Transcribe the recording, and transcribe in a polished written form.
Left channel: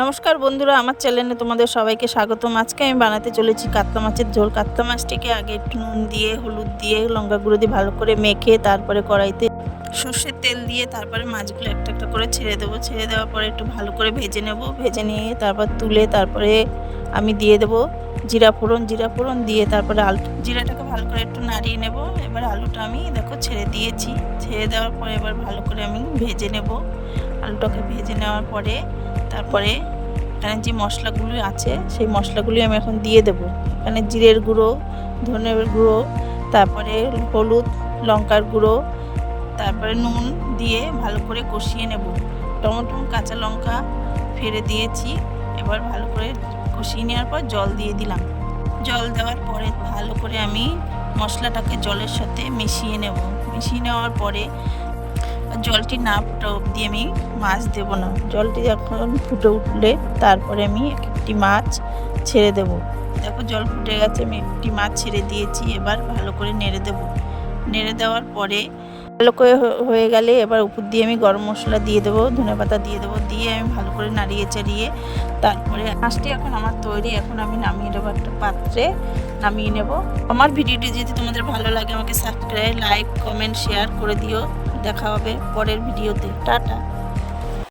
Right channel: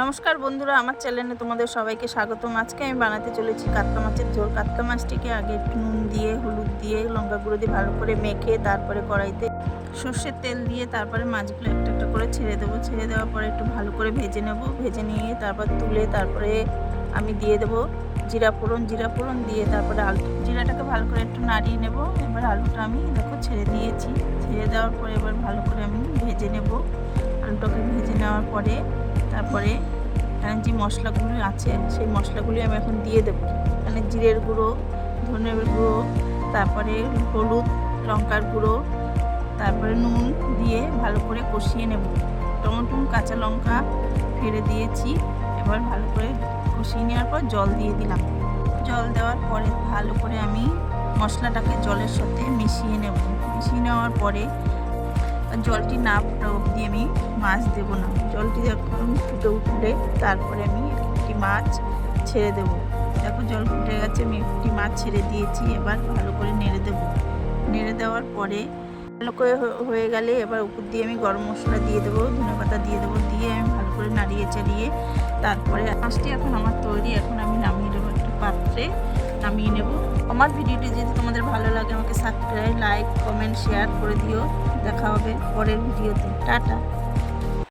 নমস্কার বন্ধুরা, আমার চ্যানেলে তোমাদের সবাইকে স্বাগতম। আজকে আমি বানাতে চলেছি কাতলা মাছের ঝোল। কাতলা মাছটিকে আগে একটু নুন দিয়ে, হলুদ দিয়ে, লঙ্কা গুঁড়ো দিয়ে ভালো করে মেখে তারপরে কড়াইতে সর্ষের তেল দিয়ে তারপরে মাছগুলো একটা একটা করে ছেড়ে দেবো। ছেড়ে দেওয়ার পরে একটু ভালো করে ভেজে নেব। ভেজে নিয়ে তারপর তুলে তারপরে আমি দিয়ে দেবো জিরা ফোড়ন দিয়ে তারপরে আলু, জিরাটাকে ভালো করে একটু নাড়িয়ে নেব। এবার আলুটা আমি দেখো ছেড়ে দিয়েছি। ছেড়ে দেওয়ার পরে এবার ভালো করে আমি ভেজে নেব। আলুটাকে ভেজে নেওয়ার পরে তারপরে এখানে যে মশলাগুলো আছে সেই মশলাগুলি আমি এখন দিয়ে দেবো। এখানে জিরের গুঁড়ো, ধনের গুঁড়ো, তারপরে হলুদ, লঙ্কার গুঁড়ো, তারপরে নুন দিয়ে ভালো করে কষিয়ে নেব। টমেটো, কাঁচা লঙ্কা ফেলে দিয়েছি। এবার ভালো করে কষিয়ে নেওয়ার পর জল দিয়ে দিলাম। জল দেওয়ার পরে ভালো করে আমি মশলাটাকে জলের সাথে মিশিয়ে নেব। মিশিয়ে নেওয়ার পরে জলটি না ফুটা অবধি আমি মাছ দেবো না। জলটি যখন ফুটে উঠলে তারপরে আমি একটি মাছ ছেড়ে দেব। দেখো জল ফুটে গেছে, আমি একটি মাছ ছেড়ে দিয়েছি। এবার ভালো করে নেড়ে দেব। নেড়ে দেওয়ার পরে ভালো করে হয়ে গেলে এবার উপর দিয়ে আমি গরম মশলা দিয়ে দেবো, ধনেপাতা দিয়ে দেবো। দিয়ে আমি ভালো করে নাড়িয়ে চাড়িয়ে তারপরে মাছটি এখন আমার তৈরি। এখন আমি নামিয়ে নেবো, একটা পাত্রে নামিয়ে নেব। আমার ভিডিওটি যদি তোমাদের ভালো লাগে আমাকে সাবস্ক্রাইব, লাইক, কমেন্ট, শেয়ার করে দিও। দেখা হবে পরের ভিডিওতে। টাটা।